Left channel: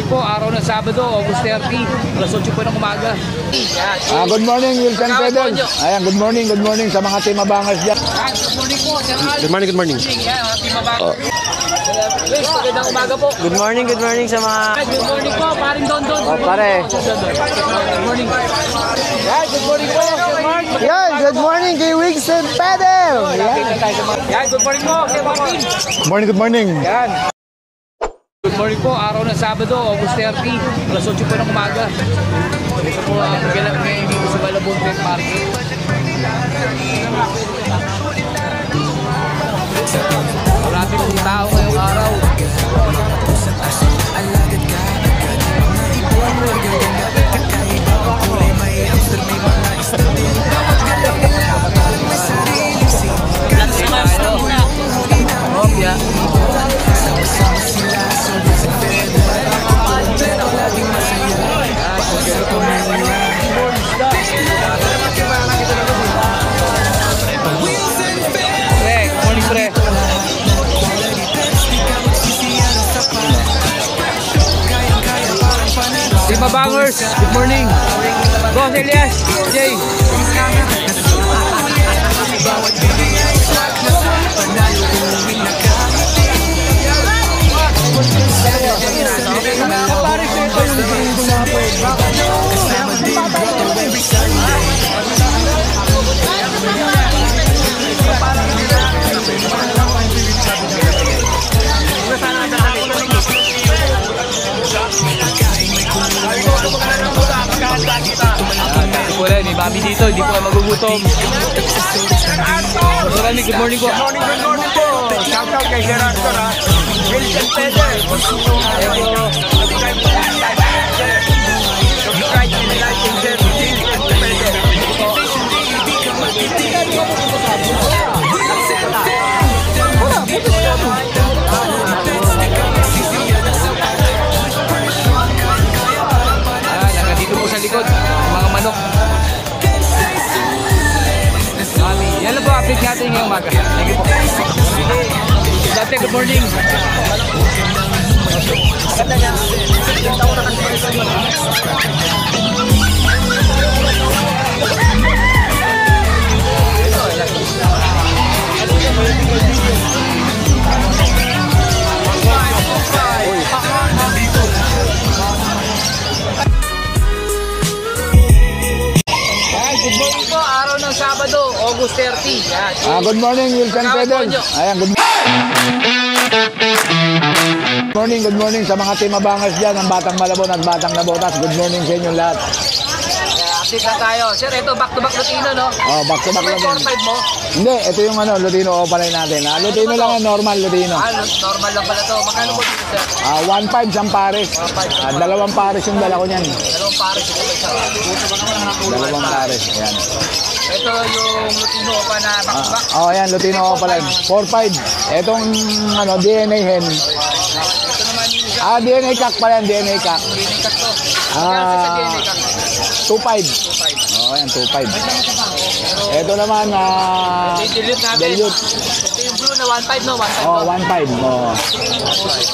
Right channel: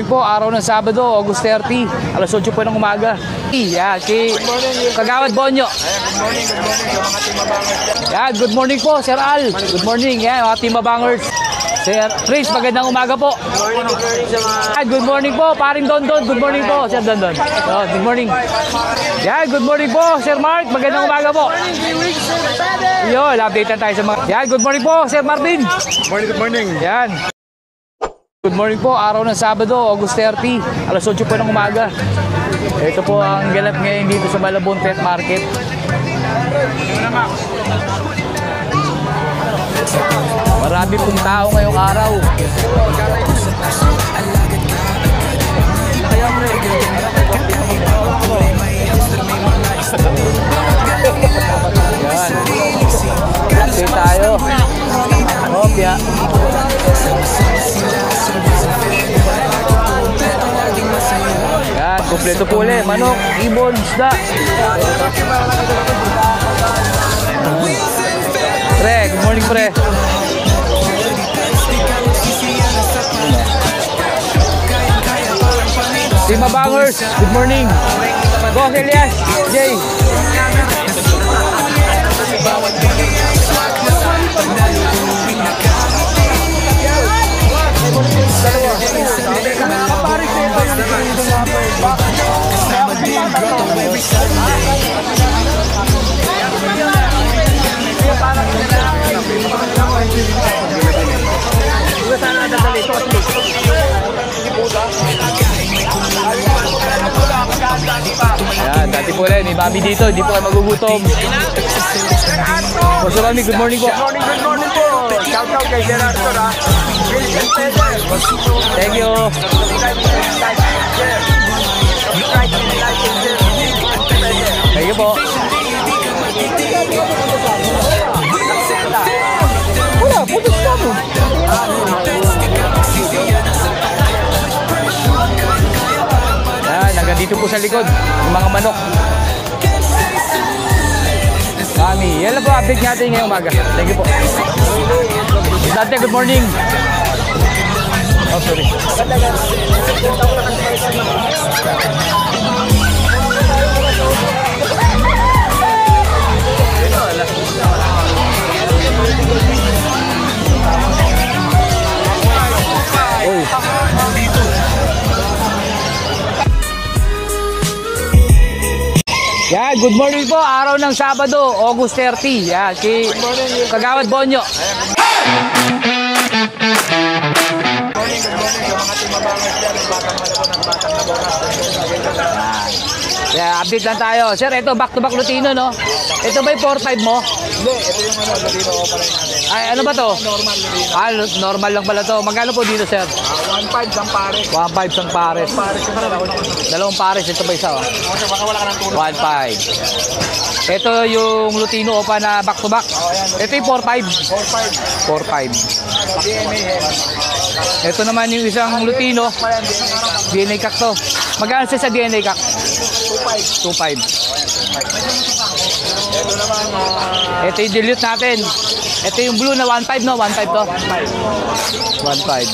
morning po, araw ng Sabado, August 30, alas 8 po ng umaga. Yeah, good morning, Wilson Kagawad Bonyo. Ayan, good morning sa mga team abangers dyan. Yan, good morning po, Sir Al. Good morning. Yan, mga team abangers. Sir Chris, magandang umaga po. Good morning sa mga... Ay, good morning po, paring Don. Good morning po, Sir Don. Good morning. Yan, good morning po, Sir Mark. Magandang umaga po. Good morning, kay Wilson Pede. Yun, update na tayo sa mga... Yan, good morning po, Sir Marvin. Good morning. Yan. Good morning po, araw ng Sabado, August 30, alas 8 po ng umaga. Ito po ang ganap ngayon dito sa Malabon Pet Market. Marami pong tao ngayong araw. Alagad ka agad, mga ibon magaganda at kakaiba ang kulay, may hamster, may mga isdali. Bawat galaw nila parang may sariling scene. Kalos-kalos ng gulong huli ng ibon. Sama-sama sila sa Wilson Pede, laging kumpleto, laging masaya. Para sa pamilya, Ibon, isda. Wilson Pede. Pre, good morning pre. Lahat ng quality pets, di ka magsisiya ng sapat. Kayang-kaya parang panalo sa Team Abangers, good morning. Go, Elias, Jay. bawat bili ay swak na swak. Panalo uwing nakangiti. Saturday and Sunday, malabo ang Wednesday and Sunday. Ibano, kasama din grotto every Sunday. May pagkain, may kulungan, laruan pa. Pangmaliit o malaking meron Wala, ni Bobby dito, hindi po kayo magugutom. gamot at sa sodas ng dito. Masalami, good morning po. Parang Montero, pet lang kaibon. Pinoy, local vibes, puso ang aray. Turing ng pamilya, bawat talagang buhay. Noon ba may aral, hilig at talent. Motivation day, di ka matitigil. Wilson Pede. Lahat ng quality pets, di ka magsisiya ng sapat. With pressure, kaya parang panalo Yan, sa nandito po sa likod, yung mga manok. Can say sulit na Mami, yan lang po update natin ngayong umaga. Thank you po. Ate, good morning. Yan, good morning po, araw ng Sabado, August 30. Yan, Good morning, Wilson Kagawad Pede. Bonyo. Ayan, good morning sa mga team abangers dyan, ang Batang Malabon at Batang Nabotas. Good morning sa inyo lahat. Yeah, update lang tayo. Sir, ito back-to-back Lutino, no? Back to Ito ba back yung 4-5 mo? Hindi, ito yung Lutino o pala natin. Ay, ano Lutino ba to? naman, normal Lutino. Normal lang pala to. Magkano po dito, sir? 1.5 isang pares. 1.5 sa pares. Dalawang pares yung dalawa niyan. Dalawang pares. Ito ba isa? 1.5. Ayan. Ito yung Lutino o pa na back-to-back. Ayan, Ito Lutino yung o pala. 4.5. 4.5. Itong DNA hen. Ito naman yung isang DNA Lutino. cock pala yan, DNA cock. DNA cock to. Magkano siya sa DNA cock? 2.5. 2.5. Ayan, 2.5. Ito naman, Ito yung dilute natin. Ito yung blue na 1.5, no? 1.5 to. 1.5. 1.5.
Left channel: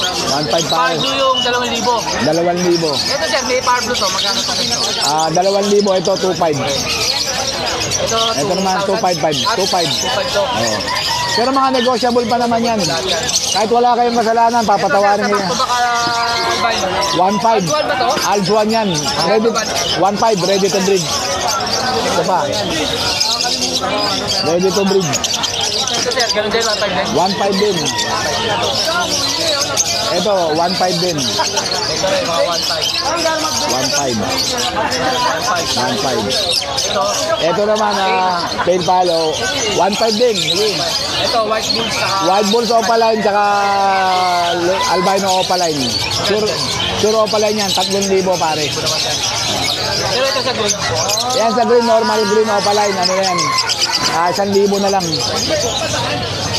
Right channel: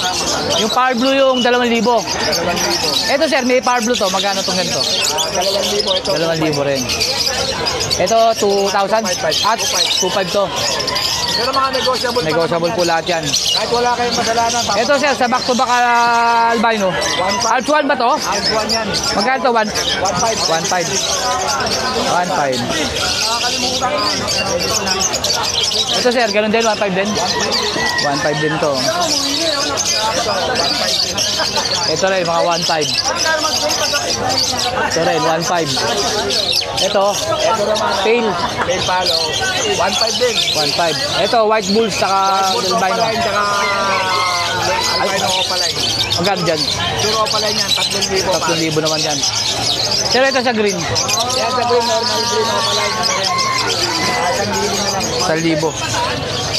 Yung power blue yung 2,000. 2,000. Ito, sir, may power blue to. Magkano itong ganito? 2,000. Ito, 2.5. Ito, 2,000. 2.5. 2.5 to. Pero mga negotiable pa naman Negotiable yan. po lahat yan. Kahit wala kayong masalanan, Ito, sir, papatawarin sa nyo back-to-back albino. 1.5. Aljuan ba to? Aljuan yan. Magkano to? 1.5. Ready to breed. 1.5. Ready to breed. Ito, sir, ganun din, 1.5 din. 1.5 din. 1.5 din to. Ito, 1.5 din. Ito rin, mga 1.5. 1.5. Ito rin, 1.5. Ito, Ito naman, tail palo. 1.5 din. 1.5. Ito, white bulls, saka... Wild bull opaline, tsaka albino opaline. Magkano dyan? Pure opaline yan, 3,000 pare. 3,000 naman yan. Pero ito sa green. Yan sa green, normal green opaline. Ano yan? 1,000 na lang. 1,000.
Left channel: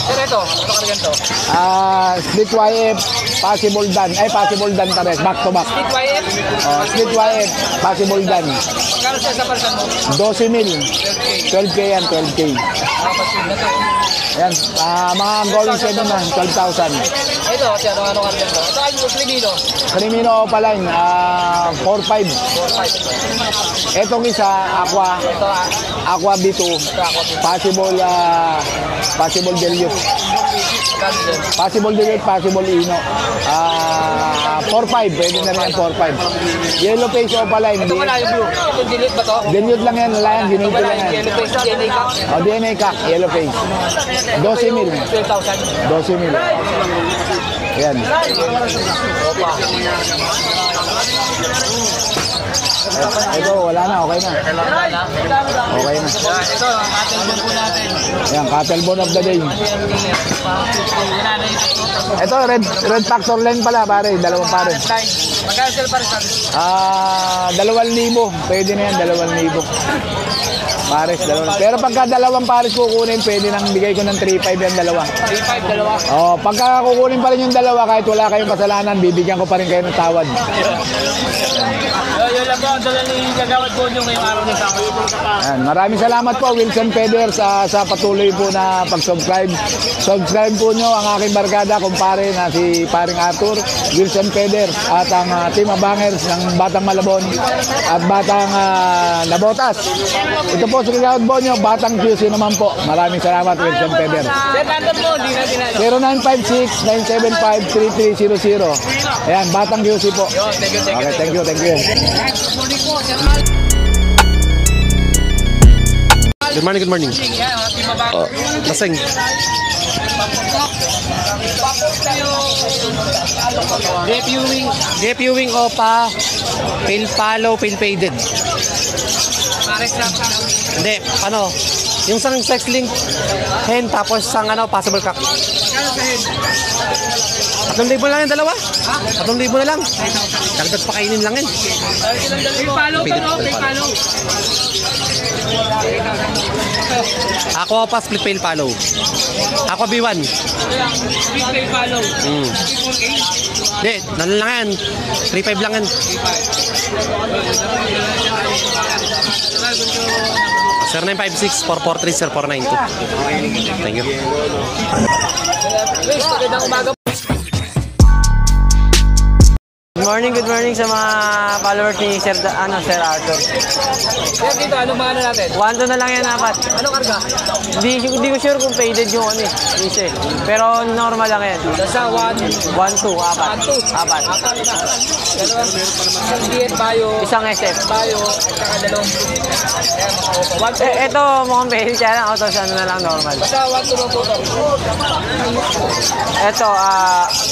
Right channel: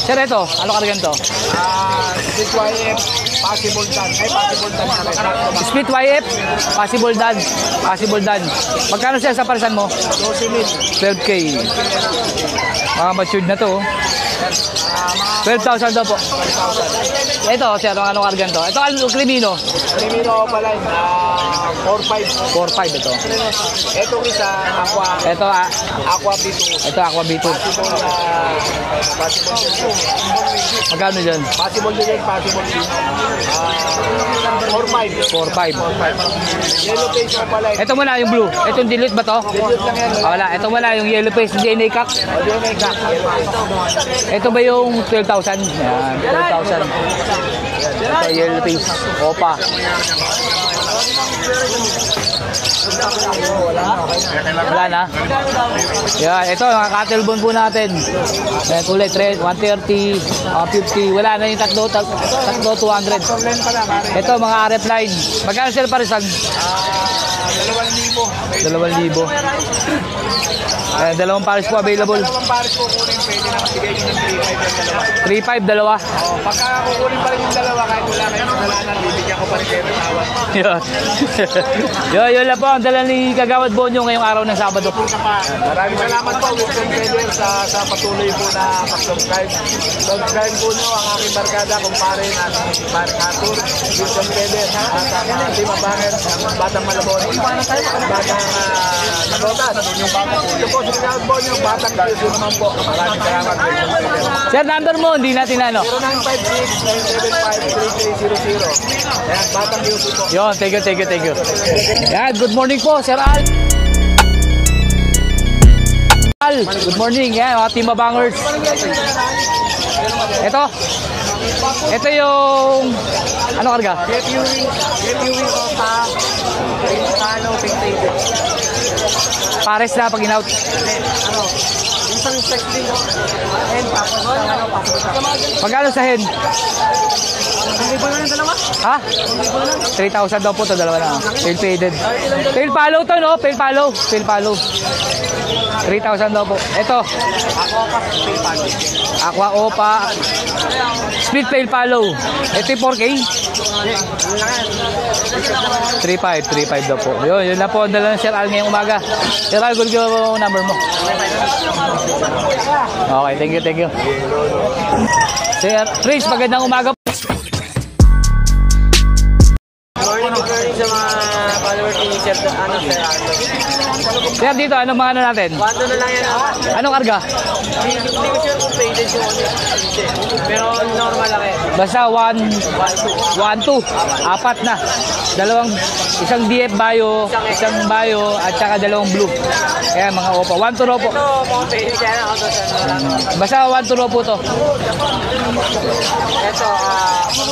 Sir, ito. Ano ka rin to? Split YF, possible done. Possible done ka rin. Back to back. Split YF, possible done. Possible done. Magkano siya sa parisan mo? 12 mil. 12K. 12K yan, 12K. Matured na to. Yan. Mga 12,000 daw. 12,000. Ito, kasi anong kargan to? Ito, Crimino. Crimino opaline, 4,500. 4,500 ito. Etong isa, Aqua. Ito, Aqua B2. ito Aqua B2. Possible Delio. Magkano dyan? Possible Delio, possible Ino. 4,500. 4,500. Yellow face opaline. Ito wala yung blue. Itong delete ba to? Delete lang yan. Ito wala yung yellow face DNA cut. DNA gap, yellow face. Ito ba yung 12,000? 12 mil. 12,000. Ayan. Ito yellow face. Opa. Wala na, okay na. Wala na? Okay na. Yan, ito, ang cattle bone po natin. Yan, kapel Bullet red, 130, 150, wala na yung tatlo. Ito, red tractor line pala, pare. Ito, Dalawang mga pares. red line. Magkano sila parisan? 2,000. Pwede mo yan, 2,000. Dalawang pares Pero po pagka available. dalawang pares kukunin, pwede nang bigay ko ng 3,500 yung dalawa. 3,500, dalawa. Pagka kukunin pa rin yung dalawa, kahit wala kayong kasalanan, bibigyan ko pa rin kayo ng tawad. Yun. Yun lang po ang dala ni Kagawad Bonyo ngayong araw ng Sabado po. Ayan, maraming salamat po, Wilson Peder, sa patuloy po na pag-subscribe. Subscribe po nyo ang aking barkada, kumpare na si paring Arthur, Wilson Peder, at ang Team Abangers ng Batang Malabon at Batang Labotas. Ito po si Kagawad Bonyo, Batang QC naman po. Maraming salamat, Wilson Peder. Sir, number mo, hindi natin ano. 0956-975-3300. Ayan, Batang QC po. Yun, thank you. Thank you. Yan, good morning po, Sir Al. Good morning. Yan, Team Abangers. Ito yung ano karga? Depuwing Opa, paint follow, paint faded. Pares na pag in-out. Hindi, ano? Yung sa sex link, hen, tapos ang ano, possible crack. Magkano sa hen? 3,000 lang yung dalawa? Ha? 3,000 na lang? 3,000 daw po sa dalawa. Kainin lang yun. Paint faded. Paint follow to, no? Paint follow. 3,000 daw po. Ito, Aqua Opa, split paint follow. Aqua B1. Split paint follow. Ito yung 4K. Hindi, ganun lang yan. 3,500 lang yan. 3,500 daw po. Yun lang po ang dala ng Sir Al ngayong umaga. Sir Al, good yung number mo. 0956-443-0492. Okay, thank you. Sir Chris, magandang umaga po. Good morning sa mga followers ni Sir Arlo. Sir, dito, anong mga ano natin? 1-2 na lang yan. Anong karga? Hindi ko sure kung faded yung ano. Pero normal lang yan. Nasa 1-2. 1-2. Apat na. Isang BF Bio, isang Bio, at saka dalawang blue. Ayan, mga opo. 1-2 ropo. Ito, mukhang baby siya na. Ito, saan na lang. Basta 1-2 ropo to. Ito,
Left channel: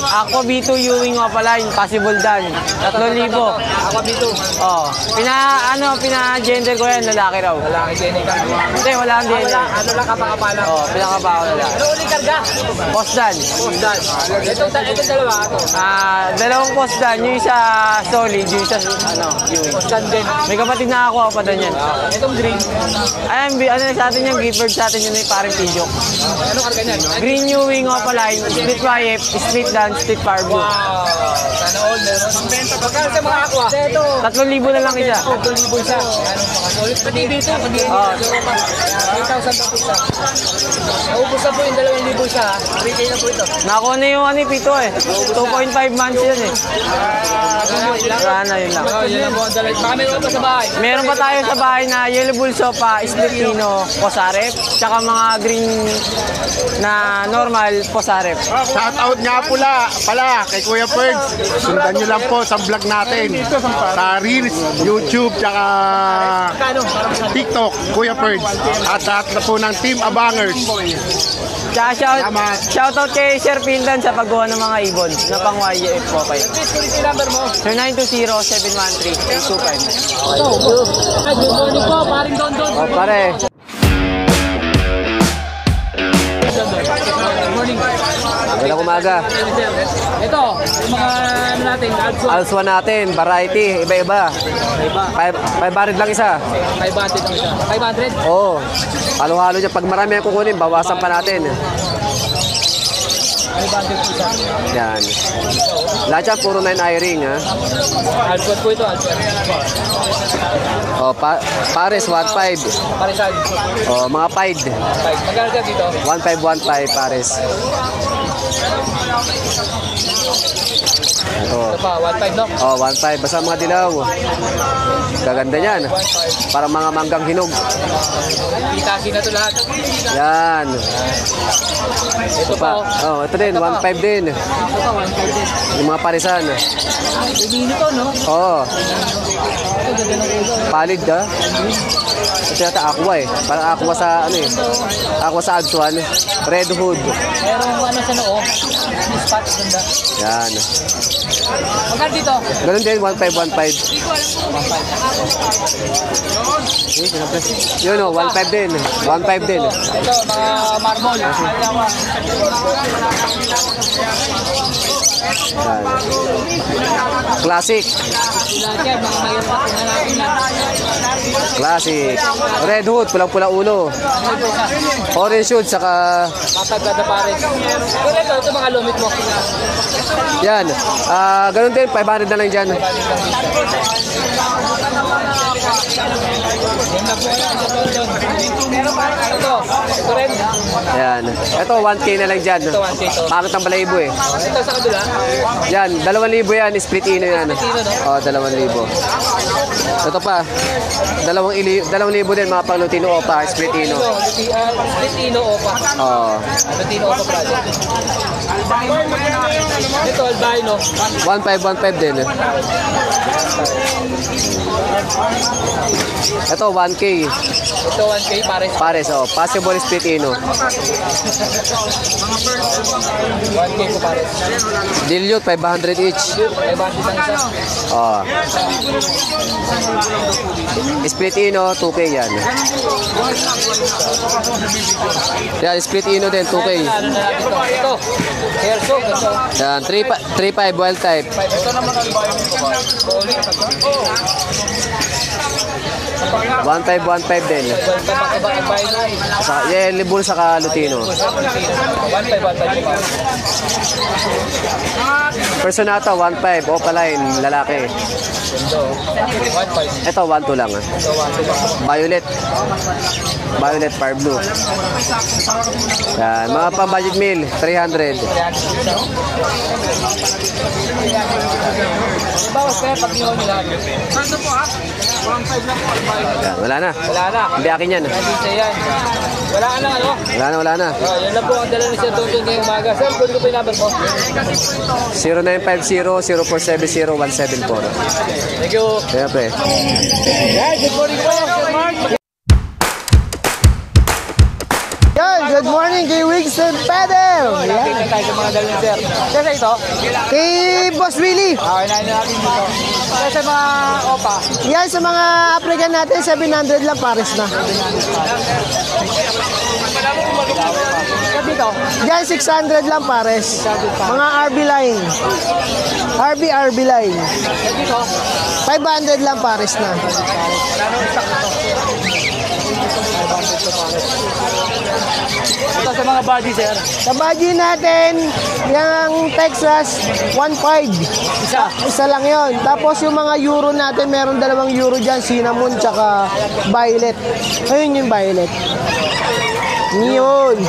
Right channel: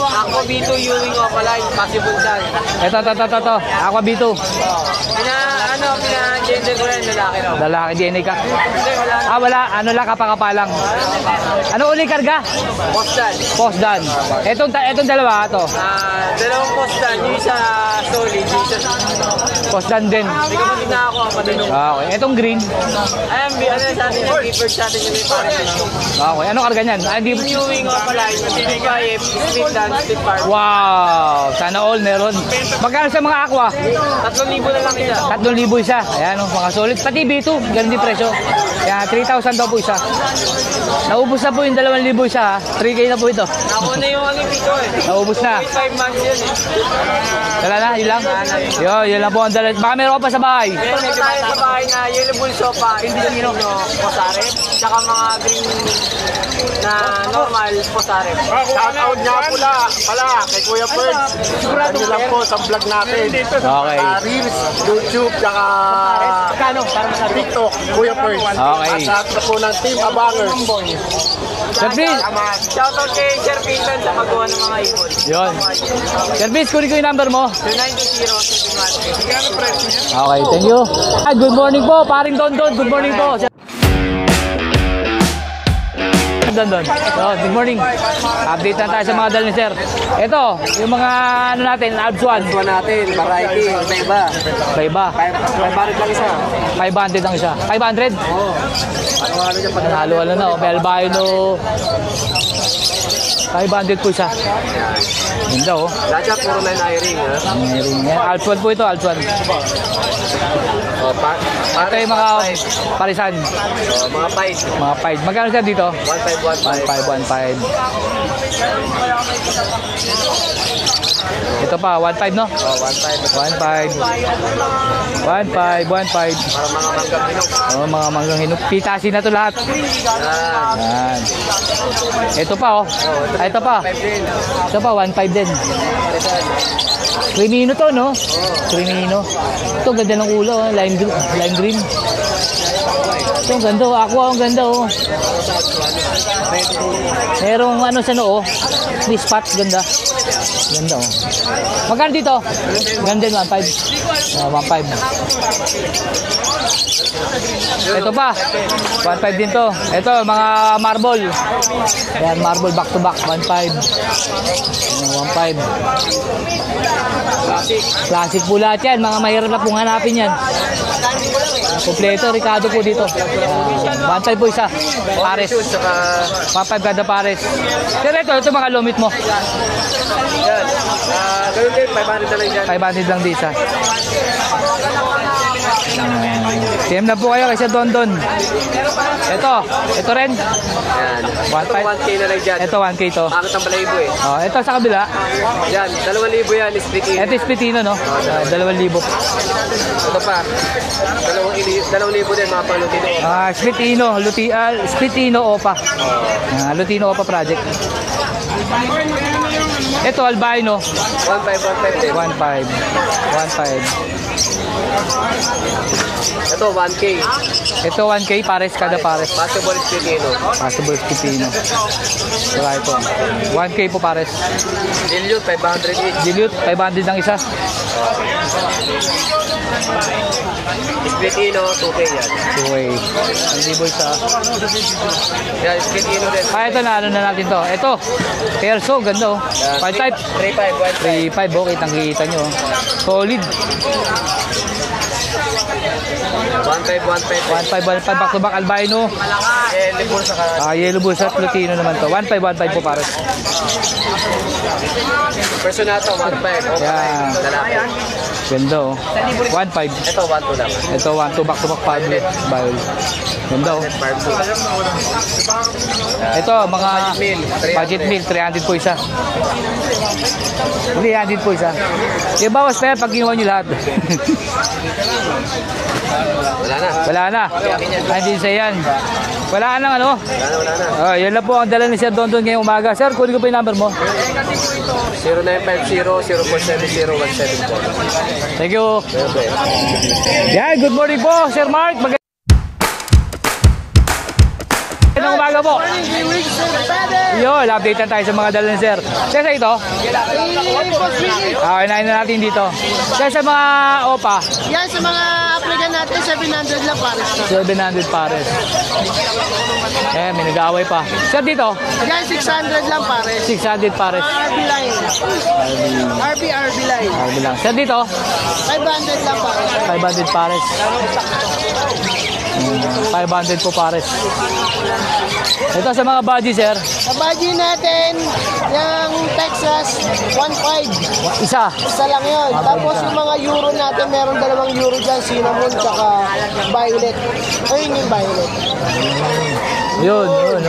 ako B2 Ewing Opaline, possible done. Ito. Ako B2. Pina-gender ko yan, lalaki raw. Lalaki, DNA ka. Hindi, wala kang DNA. Wala, ano lang, kapakapalang. Ano ulit karga? Postdan. Itong dalawa, ito. Dalawang postdan, yung isa solid, yung isa, postdan din. May kapatid na ako, kapatid niya. Itong green. Ayan, sa atin yung gift sa atin yun yung parang video. Okay, ano karga niyan? Green Ewing Opaline, split YF, split dan, split farm. Wow, sana all meron. Magkano sa mga aqua? 3,000 na lang isa. 3,000 isa. Ayan, mga solid. Pati B2, ganun din presyo. Kaya 3,000 daw po isa. Naubos na po yung 2,000 isa. 3K na po ito. Nakuha na yung pito eh. Naubos na. 2.5 months yun eh. Wala na, yun lang. Yun lang po ang dalawa. Baka meron ka pa sa bahay. Meron pa tayo sa bahay na yellow bull sopa, Esplitino, Posaret, tsaka mga green na normal Posaret. Shout out nga pala kay Kuya Ferds. Sundan nyo lang po sa vlog natin. Sa Reels, YouTube, tsaka TikTok, Kuya Ferds. At sa atin na po ng Team Abangers. Shout out kay Sir Pindan sa paggawa ng mga ibon. Sir Vince, kunin ko yung number mo. 0920-713-25. Okay, thank you. Hi, good morning po. Paring Don. Good morning po. Good morning. Update na tayo sa mga dal ni sir. Ito, yung mga ano natin, Alpha. Alpha natin, variety, iba-iba. Iba. 500 lang isa. 500 lang siya. 500? Oo. Ano-ano dyan, pag marami ang pukunin, bawasan pa natin. 500 po isa. Yan. Ganda oh. Lahat yan, puro men hiring, ha? Alpha po ito, Alpha. Oh, Pares, 1.5. Parisan. Oh, mga 5. Mga 5. Magkano siya dito? 1.5, 1.5. Pares. 1.5. Ito pa, 1.5 no? Oh, 1.5. Basta mga dilaw. Maganda yan. 1.5. Para mga manggang hinog. Oh, mga manggang hinog. Pitasin na to lahat. Yan. Ito pa oh. Oh, ito din, 1.5 din. Ito pa, 1.5 din. Yung mga parisan. Crimino to no? Oo. Crimino. Ito ganda ng ulo. Valid ka? Lime green. Kasi ata aqua eh. Ang ganda, ang ganda oh. Aqua sa Agsuan. Red hood. Merong ano sa noo. May spots ganda. Yan. Ganda oh. Magkano dito? Ganun din, 1.5, 1.5. Yun, Ito ba? 1.5 din. 1.5 dito. Ito, mga marble. Ayan, marble back to back. 1.5. 1.5. Classic. Classic po lahat yan. Mga mahirap na pong hanapin yan. Classic. Kompleto, Ricardo po Red dito. hood, pulang-pula ulo. 1.5 po isa. Orange shoot, saka 1.5 kada pares. Pero ito mga lumit mo. yan. Ganun din, 500 na lang dyan. 500 lang dito. CM na po kayo kay Sir Dondon. Ito rin. Yan. Ito, 1K na lang dyan. Ito 1K to. Makakit ang balayibo eh. Oh, ito sa kabila. Yan, 2,000 yan, split in Ito yan. Spitino, no? Oo, 2,000. 2,000. Ito pa, 2,000 din mga palutino o pa, Spitino. Spitino Opa. Oo. Lutino Opa project. Ito albino. 1.5 din. 1.5. Ito, 1K. Ito 1K pares kada Pares, oh. pares. Possible Spitino. Possible Spitino. Diba ito? 1K po pares. Dilute, 500 each. Dilute, 500 lang isa. Oo. Spitino, 2K yan. 2K. Yan, Spitino din, 2K. Kaya talalo na natin to. Ito, Erso, ganda oh. 3.5, wild type. 3.5 oh, kitang-kita nyo. Solid. 1.5 din. 5 back-to-back albino. Sa Yellow Bull, saka Yellow Lutino. Bulls at Lutino naman to. 1.5 po pares. Personata, 1.5. Opaline, lalaki. Ganda oh. 1.5. Ito, 1.2 lang. Ito 1.2 back-to-back. Violet. Violet Fire Blue. Yan, Ito, mga mga pang-budget meal, Budget meal, 300. 300 po isa. 300 po isa. Kaya bawas na yan pag ginawa nyo lahat. Wala na. Wala na. Hindi akin yan. Hindi sa yan. Wala na ano. Wala na. Yan lang po ang dala ni Sir Dondon ngayong umaga. Sir, kunin ko pa yung number mo. 0950-0470-174. Thank you. Siyempre. Yan, good morning po, Sir Mark. Good morning, Kuya Winston Pede! Yo, update na tayo sa mga dala ni Sir. Sir, ito. Hey, Boss Willie! Okay, nain na natin dito. Sir, sa mga OPA, Yan sa mga applicant natin, 700 lang pares na. 700 pares. Ayan, may nag-away pa. Sir, dito, Yan, 600 lang pares. 600 pares. Mga RB line. RB line. Sir, dito, 500 lang pares na. 500 pares. Kano stock ito? 500 po pares. Ito sa mga body, sir. Sa budget natin ng Texas, 1.5. Isa lang yon. Tapos yung mga euro natin, meron 2 euro dyan, cinnamon, tsaka violet. Ayun yung violet. Yun.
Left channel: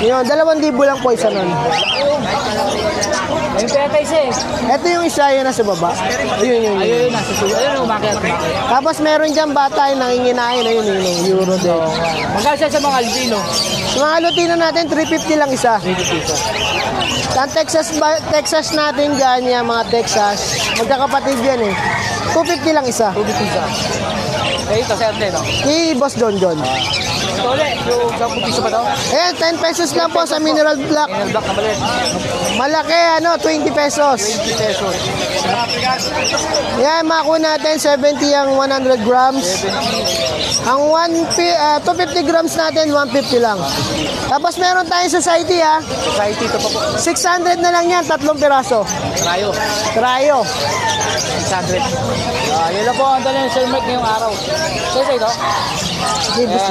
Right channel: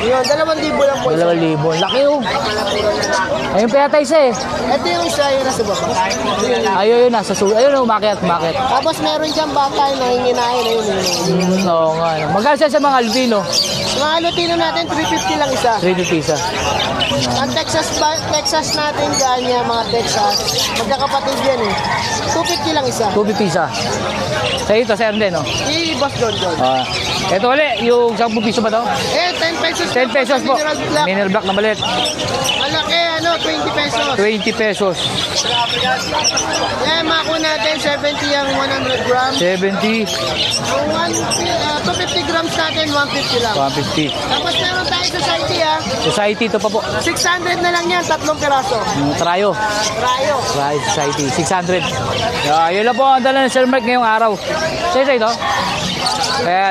Yun, 2,000 lang po isa lang. Laki yung. Ayun pa yata isa eh. Ito yung isa yun nasa baba. Ayun, nasa sulo. Ayun, umakit. Tapos meron dyan bata na hinginahin na yun, euro din. Magkano siya sa mga albino? Mga Lutino natin, 350 lang isa. 3 isa. Ang Texas natin dyan, yan mga Texas. Magkakapatid yan eh. 250 lang isa. 2 isa. Ito, sir, din, no? Hey, Boss Don Don. Ito ulit, yung 10 piso ba to? Eh, 10 pesos pesos na 10 po pesos sa po. mineral black. Mineral black na maliit. Malaki, 20 pesos. 20 pesos. Yan, makuha natin 70 ang 100 grams. 70, Ang 250 grams natin, 150 lang. 150. Tapos meron tayong society Society, ito pa po. 600 na lang yan, 3 piraso. Trayo. Trayo. Society, 600. Yun lang po ang dala ng Sir Mike ngayong araw. Sir, ito?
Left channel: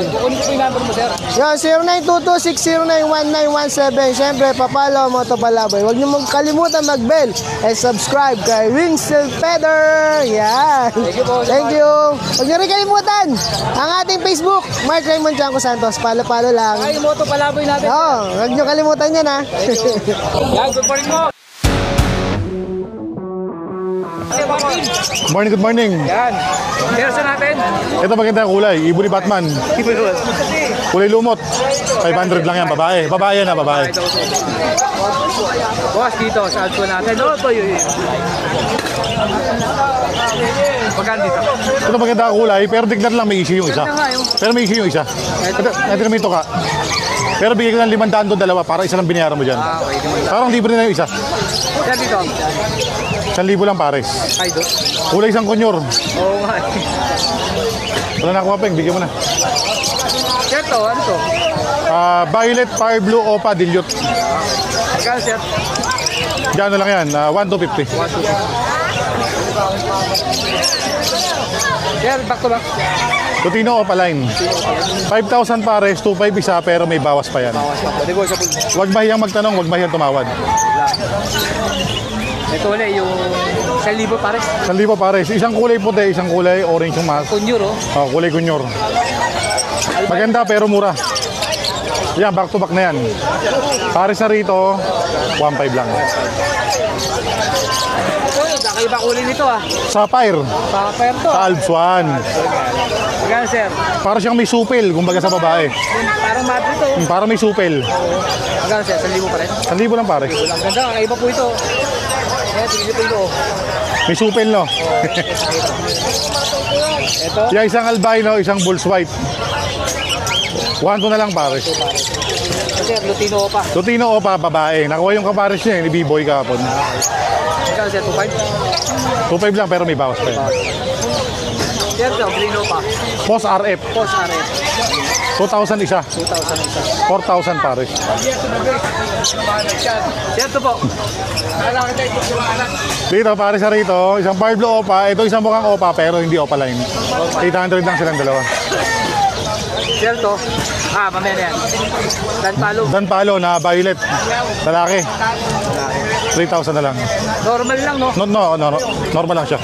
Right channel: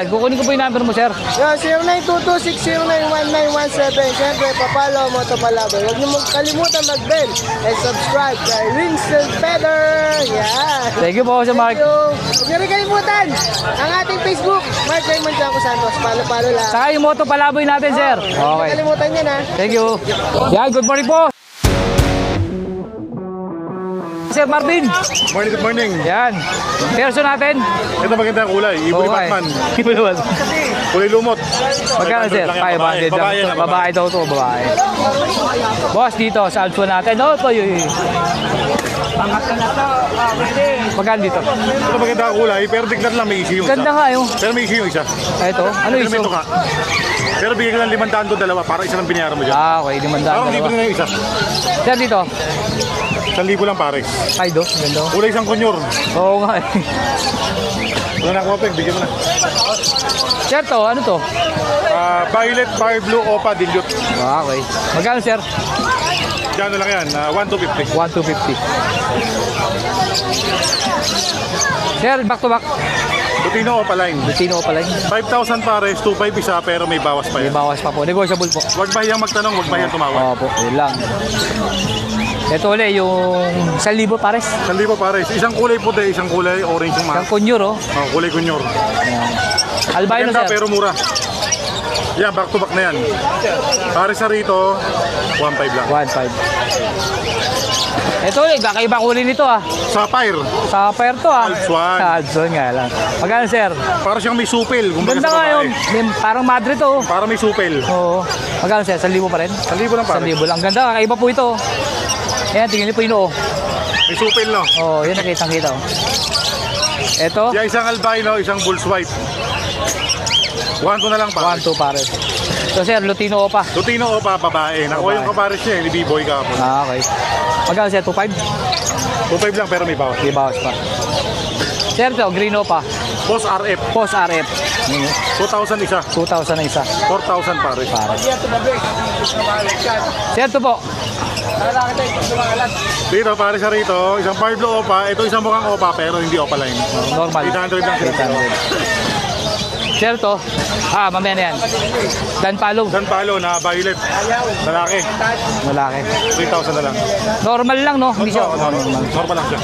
Kukunin ko po yung number mo, sir. Yun, 0922-609-1917. Siyempre, papalo mo ito palaboy. Huwag niyo magkalimutan mag-bell and subscribe kay Rinsel Feather. Yan. Thank you po, Sir Mark. Thank you. Huwag niyo rin kalimutan ang ating Facebook, Mark Raymond Janko Santos. Palo-palo lang. Saka yung moto palaboy natin, sir. Huwag niyo kalimutan yan, ha. Thank you. Yan, good morning po. Sir Marvin. Morning, good morning. Yan. Perso natin. Ito maganda ang kulay. Iburi Okay. Batman. Kulay lumot. 500 lang yan, babae. Babae na, babae. Babae daw ito, babae. Bukas dito sa also natin. Ito yun. Maganda dito. Ito maganda ang kulay, pero tignan lang may issue isa. Ganda nga yun. Pero may issue isa. Ito. Ito may ito ka. Pero bigyan ka ng 500 doon dalawa para isa lang binayaran mo dyan. Okay, di man Parang libre na yung isa. Sir dito. 1,000 lang pares. Ay, do. Ganda. Kulay isang konyor. Oo nga. Ano na kuha pa, bigyan mo na. Sir to, ano to? Violet, Fire Blue, Opa, Dilute. Okay. Magkano, sir? Diyan na lang yan, 1,250. 1,250. Sir, back to back. Lutino, Opa line. Sino ko pala? 5,000 pares, 2,500 isa, pero may bawas pa yan. Bawas pa po. Negotiable po. Huwag bahiyang magtanong, huwag bahiyang tumawag. Yun lang. Ito ulit yung 1,000 pares. 1,000 pares. Isang kulay puti, isang kulay orange yung mahal. Kunyur, oh. Kulay kunyor. Albino, Maganda sir. pero mura. Yan, back to back na yan. Pares na rito, 1,500 lang. 1,500. Ito ulit, kakaiba kulay nito, ah. Sapphire, Sa pair to, ah. Salsuan. Salsuan nga lang. Magkano, sir? para siyang may supel, kumbaga sa Ganda nga babae. yun. Parang Madrid, oh. Para may supel. Oo. Magkano, sir? 1,000 pa rin? 1,000 lang pares. 1,000 lang. Ganda, kakaiba po ito. Kaya tingin niyo po yun, oh. May supel, no? Oo, yun ang isang ito. Ito, Yan, isang albino, isang bulls white. 1,2 na lang pares. 1,200 pares. Ito, sir, Lutino pa. Lutino, Opa, babae. Nakuha yung kapares niya, ni B-Boy kahapon. Okay. Magkano, sir? 2,500? 2,500 lang, pero may bawas. May bawas pa. Sir, ito, Grino pa. Boss RF, Post RF. 2,000 isa. 2,000 na isa. 4,000 pares. Sir, ito po. Dito, pares na rito, isang Fire Blue Opa. Ito isang mukhang Opa, pero hindi Opa line. 800 lang silang dalawa. Sir, ito. Mamaya na yan. Dan palo. Dan palo na violet. Lalaki. Lalaki. 3,000 na lang. Normal lang, no? Normal lang siya.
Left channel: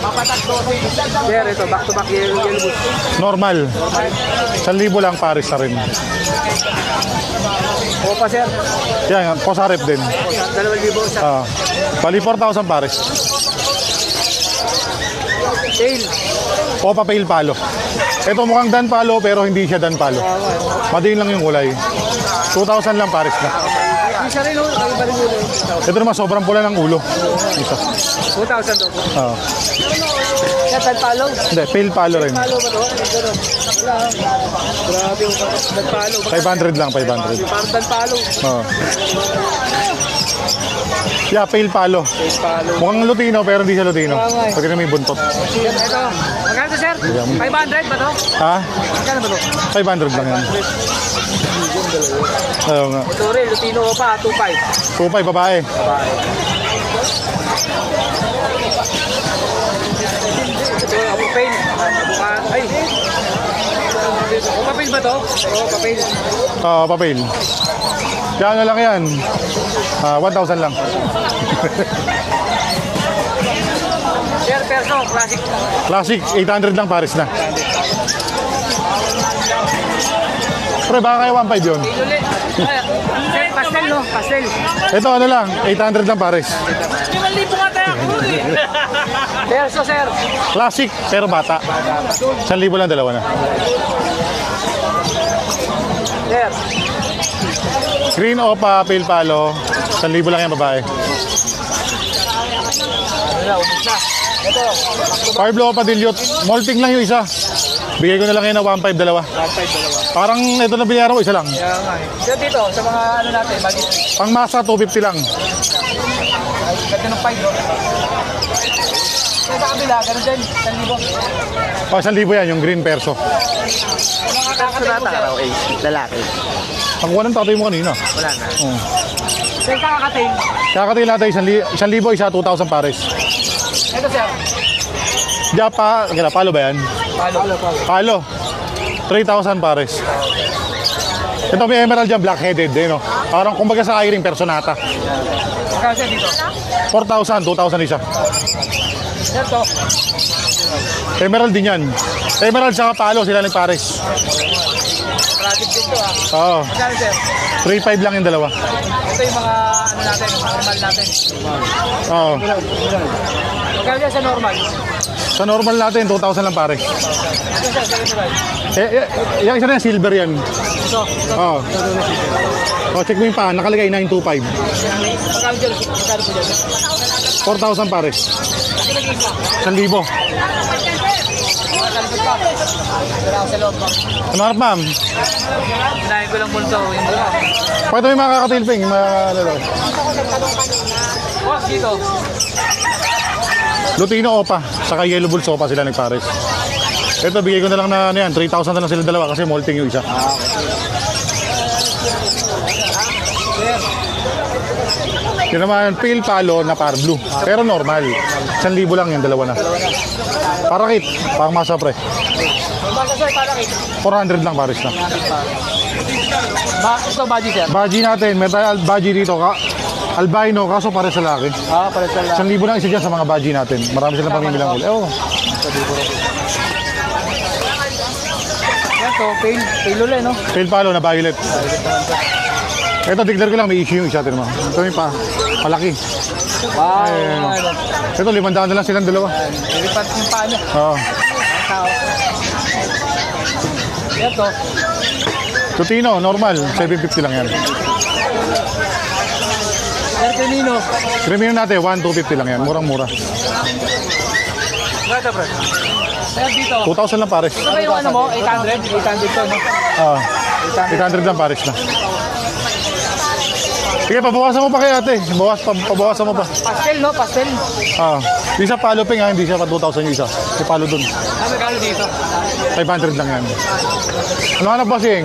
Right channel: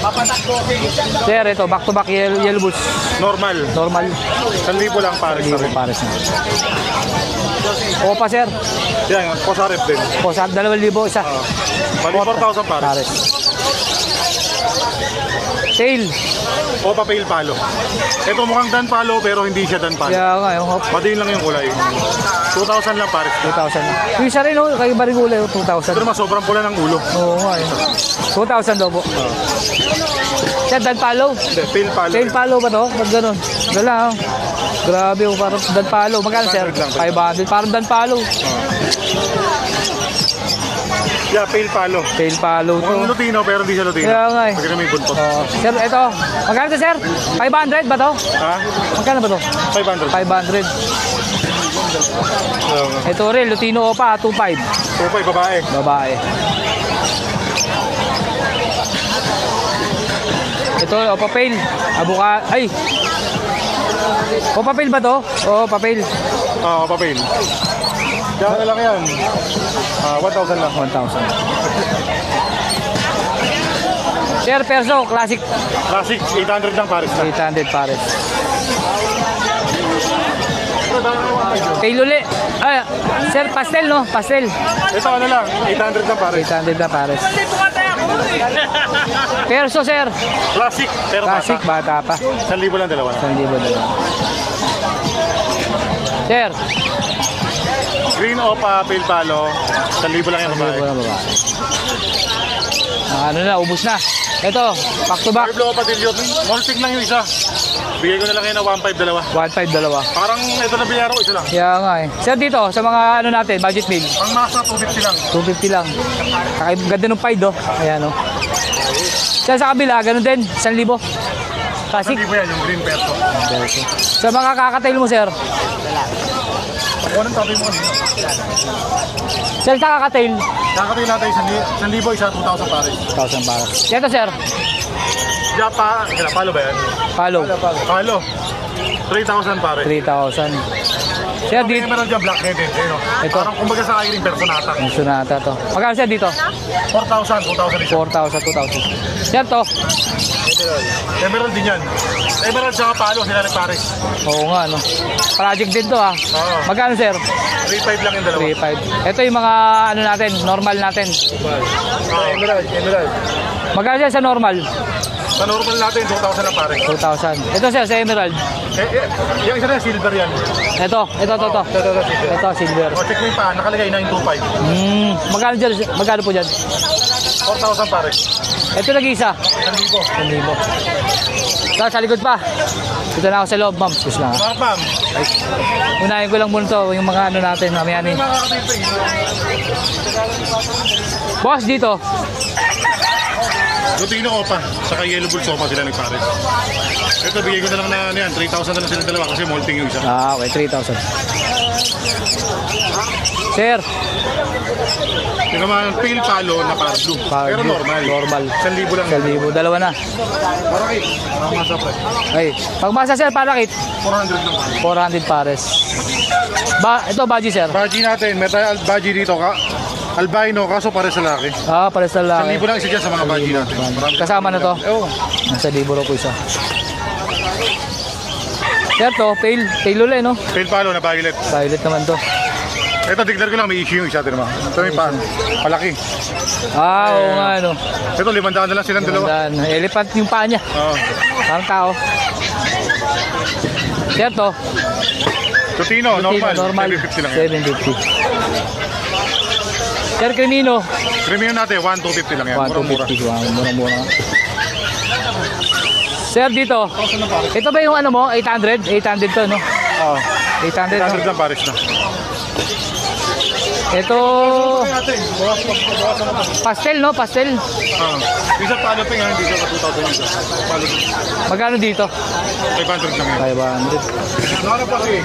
Sir, ito. Back to back yellow bulls. Normal. Normal. 1,000 lang pares na rin. O pa, sir. Yan, Boss RF din. O, sa 2,000 sa Bali 4,000 pares. sale. Opa Pale Palo. Ito mukhang Dan Palo pero hindi siya Dan Palo. Kaya nga, yung Madiin lang yung kulay. 2,000 lang pares. 2,000. Yung isa rin, oh. Kayo ba rin ulo yung 2,000? Ito naman sobrang pula ng ulo. 2,000 daw po. Sir, Dan palo. Hindi, Pale Palo. Sale palo ba to? Ba't gano'n? Wala, ah. Grabe yung parang Dan palo. Magkano, sir? 500 lang, 500. Parang Dan palo. Yeah, Pale Palo. Sale palo. Mukhang Lutino pero hindi siya Lutino. Kaya nga eh. Pwede na may buntot. Sir, ito. Magkano to, sir? 500 ba to? Ha? Magkano ba to? 500 lang. 500. Ayun nga. Ito rin, Lutino pa, 2,500. 2,500 babae. Babae. Ito, papel. Abukat. Ay! O, papel ba to? Oo, papel. Papel. Kaya na lang yan. 1,000 lang. 1,000. Sir, perso, classic. Classic, 800 lang pares lang. 800 pares. Pre, baka kayo 1,500 yun. Tail uli. Ay, sir, pastel, no? Pastel. Ito ano lang, 800 lang pares. 800 na pares. Perso, sir. Classic, pero bata. Classic, bata pa. 1,000 lang dalawa na. Sir, Green Opa, Pale Palo, 1,000 lang yung babae. ano na, ubus na. Ito, back to back. Fire Blue Opa, Dilute. Molting lang yung isa. Bigay ko na lang kayo na 1.5 dalawa. 1.5 dalawa. Parang ito na biyaro, isa lang. Kaya nga eh. Sir, dito, sa mga ano natin, budget big. Ang masa, 250 lang. 250 lang. Kahit ganda ng pied, oh. Ayan, oh. Sir, sa kabila, ganun din, 1,000. Pa 1,000 yan, yung green perso. Sa mga kakatail mo, sir. Ang kuha ng tatay mo kanina. Sir, kakatail. Kakatayin natin 1,000, isa 2,000 pares. 1,000 para. Ito, sir. Japa, palo ba yan? Palo. Palo. 3,000 pares. 3,000. Ito may emerald yan, black-headed. No? Parang kumbaga sa iring, personata. Sunata to. Magkano sir dito? 4,000, 2,000 isa. 4,000, 2,000. Sir, to. Emerald din yan. Emerald sa palo, sila ng pares. Oo nga, no. Project din to, ah. Oo. Magkano, sir? 3,500 lang yung dalawa. 3,500. Ito yung mga, ano natin, normal natin. Oo. Emerald. Magkano sir sa normal? Sa normal natin, 2,000 lang pares. 2,000. Ito, sir, sa emerald. Yung isa na silver yan. Ito, Oo. silver. O, check mo yung pa, nakalagay 925. Magkano po dyan? 4,000 pares. Ito nag-isa. 1,000. Sa likod pa. Ito na ako sa loob, ma'am. Kumarap ma'am. Unahin ko lang muna ito, yung mga ano natin. Pato yung mga kakatilping, yung mga... Boss, dito. Lutino Opa, saka Yellow Bulls Opa sila nagpares. Ito, bigay ko na lang na yan. 3,000 na lang sila dalawa kasi molting yung isa. Okay, 3,000. Sir. Yan naman, pale palo na par blue. Pero normal. 1,000 lang yan, dalawa na. Parakit, pangmasa pre. Okay. Pagbasa sir, parakit. 400 lang pares. 400 pares. Ito, baji sir. Baji natin, may baji dito ka. Albino, kaso pare sa laki. Para sa 1,000 lang isa dyan sa mga baji natin. Marami sila kasama na to. Sa libo na po isa. Sir, to, pale ulit, no? Pale palo na violet. Violet naman to. Ito, tignan ko lang, may issue yung isa. Tignan mo. Ito may palaki. Ano? Ito, 500 na lang silang dalawa. Elephant yung paa niya. Parang tao. Sir, to. Tutino, normal. 750 lang yan. 750. Sir, Crimino. Crimino natin, 1,250 lang yan. Murang-mura. Sir, dito. 2,000 lang pares. Ito ba yung ano mo? 800? 800 to, no? 800 lang pares na. Ito, Kaya pabawasan mo pa kay ate. Pabawasan mo pa. pastel, no? Pastel. Yung sa palo ping, hindi siya ka 2,000 yung isa. Yung palo dun. Magkano dito? 500 lang yan. Wala na bossing.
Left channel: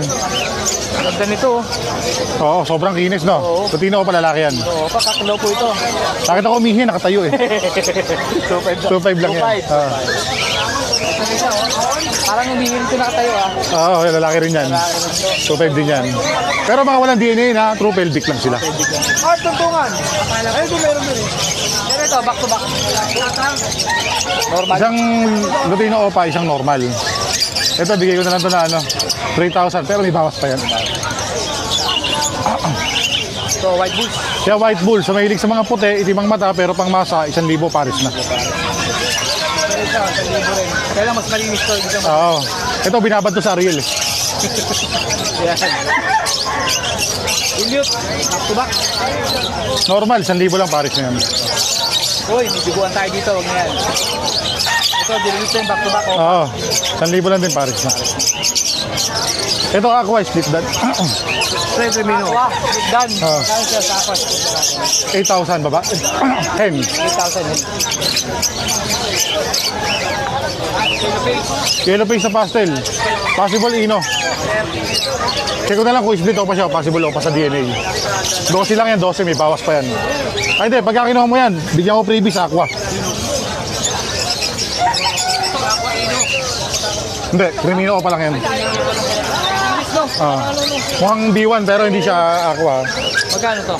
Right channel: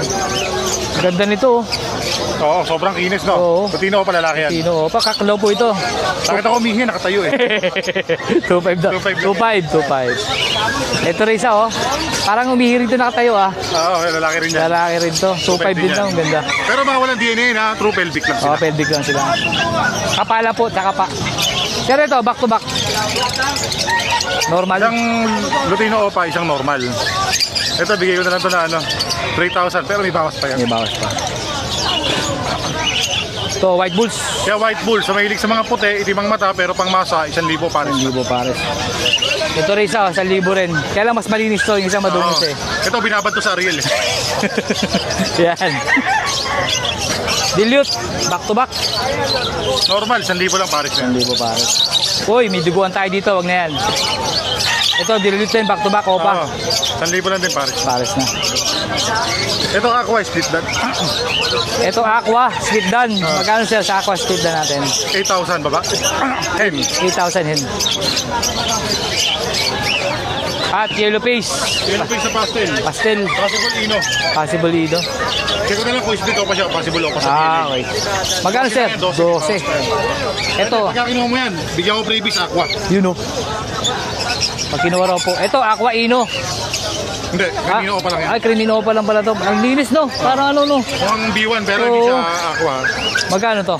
Ganda nito. Oo, sobrang kinis, no? Oo. Tutino ko pa lalaki yan. Sino? Kaklo po ito. Nakita ko umihin, nakatayo eh. 2.5 2.5 lang yan. 2.5. Ito rin isa, oh. Parang umihiri ito nakatayo, ah. Oo, lalaki rin yan. Lalaki rin to. 2.5 din yan. Ganda. Pero mga walang DNA na, true pelvic lang sila. Pelvic lang sila. Kapala po, saka Pero ito, back to back. Normal. Isang Lutino Opa, isang normal. Ito, bigay ko na lang ito na 3,000, pero may bawas pa yan. Ito, white bulls. Siya white bull, so mahilig sa mga puti, itim ang mata, pero pang masa, 1,000 pares na. Ito rin isa, 1,000 rin. Kaya lang mas malinis to, yung isang madulis eh. Ito, binabad to sa Ariel eh. Yan. Dilute, back to back. Normal, 1,000 lang pares na yan. Uy, may biguan tayo dito, wag na yan. Ito, dilute din, back to back, opa. Oo, 1,000 lang din pares na. Pares na. Ito, aqua, split dan. Ito, aqua, split dan. Magkano sir sa aqua, split dan natin? 8,000 ba ba? 10. 8,000 yan. At yellow face. Yellow face na pastel. Pastel. Possible ino. Possible dito. Check ko na lang kung split o pa siya, possible o pa sa DNA. Magkano 12 lang yan, 12 may bawas pa yan. Ito, pagka kinuha mo yan, bigyan mo freebies aqua. You know. Pag kinuha raw po. Ito, aqua ino. Hindi, crimino pa lang yan. Ay, crimino pa lang pala ito. Ang linis, no? Para ano, no? Mukhang B1 pero hindi siya aqua. Magkano to?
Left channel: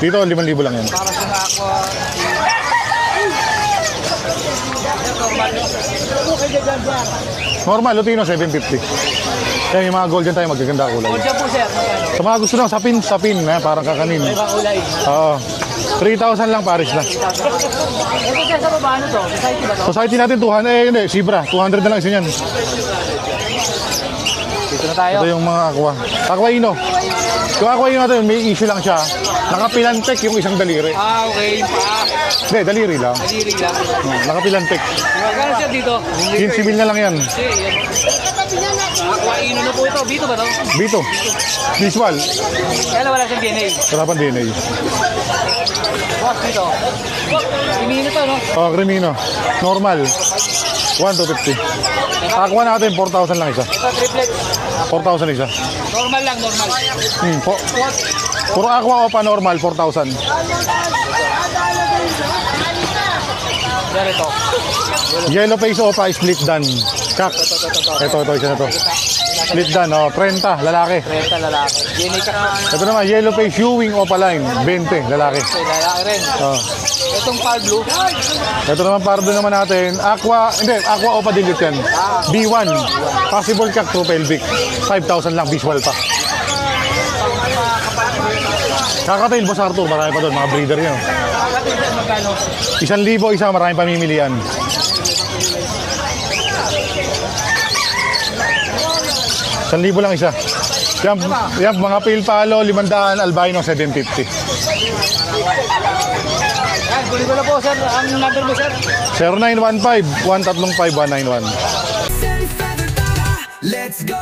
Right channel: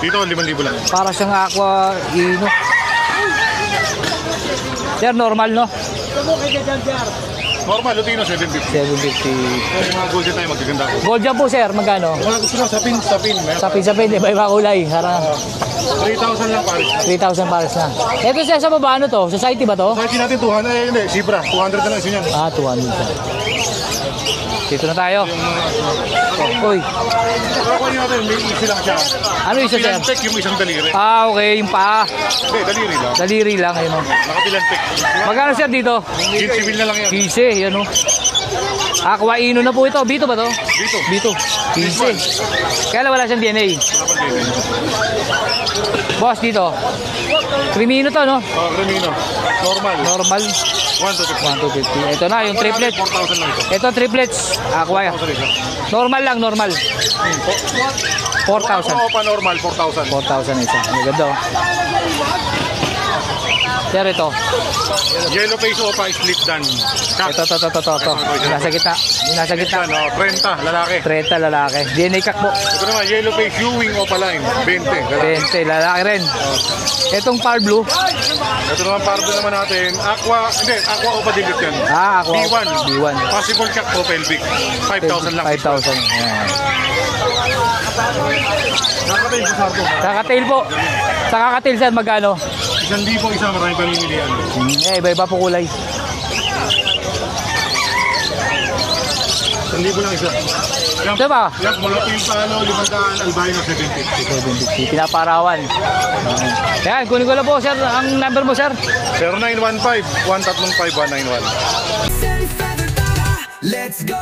Dito, 5,000 lang yan. Para siyang aqua ino. Sir, normal, no? Normal, Lutino 750. Kaya yung mga golden tayo magkikanda ko. Gold dyan po, sir. Magkano? Sa mga gusto lang, sapin. Sapin, iba-iba kulay. Oo. 3,000 lang pares na. 3,000 pares na. Ito siya sa baba, ano to? Society ba to? Society natin 200, hindi, Sibra. 200 na lang isa yan. 200. Dito na tayo. Ito yung mga aqua. Aquino. Yung aqua yun natin, may issue lang siya. Ano Nakapilantek yung isang daliri. Okay, yung paa. Hindi, daliri lang. Daliri lang. Nakapilantek. Magkano siya dito? 15 mil na lang yan. Easy, ano? Aquino na po ito. Dito ba, no? Dito. This one. Kaya lang wala siyang DNA. Sarapan din eh. Boss, dito. Crimino to, no? Oh, Cremino. Normal. Normal. 1 to 50. Ito na, yung Aqua natin, triplet. 4,000 lang isa. Ito, triplets. Aqua. 4,000 isa. Normal lang, normal. Puro aqua o pa normal, 4,000. 4,000 isa. Maganda, oh. Yan ito. Yellow face o pa split dan. Cup. Ito. Ito. Nasa kita. Nasa Split kita. dan, oh, 30, lalaki. 30 lalaki. DNA cut box. Ito naman, yellow face Ewing o line, 20, lalaki. 20 lalaki rin. Oh. Itong Power Blue. Ito naman pardo naman natin, aqua o pa dilute yan. Aqua. B1. B1. Possible cut to pelvic. 5,000 lang visual. 5,000. Kakatail mo sa Arto, Kakatail mga po. breeder yan. Sa kakatil saan magkano? 1,000 isa, maraming pamimilian. Iba-iba po kulay. 1,000 lang isa. Yan, Diba? yan mga pale palo, 500, albino 750. Pinaparawan. Kaya, kunin ko na po, sir. Ang number mo, sir. 0915-135-191. Let's go.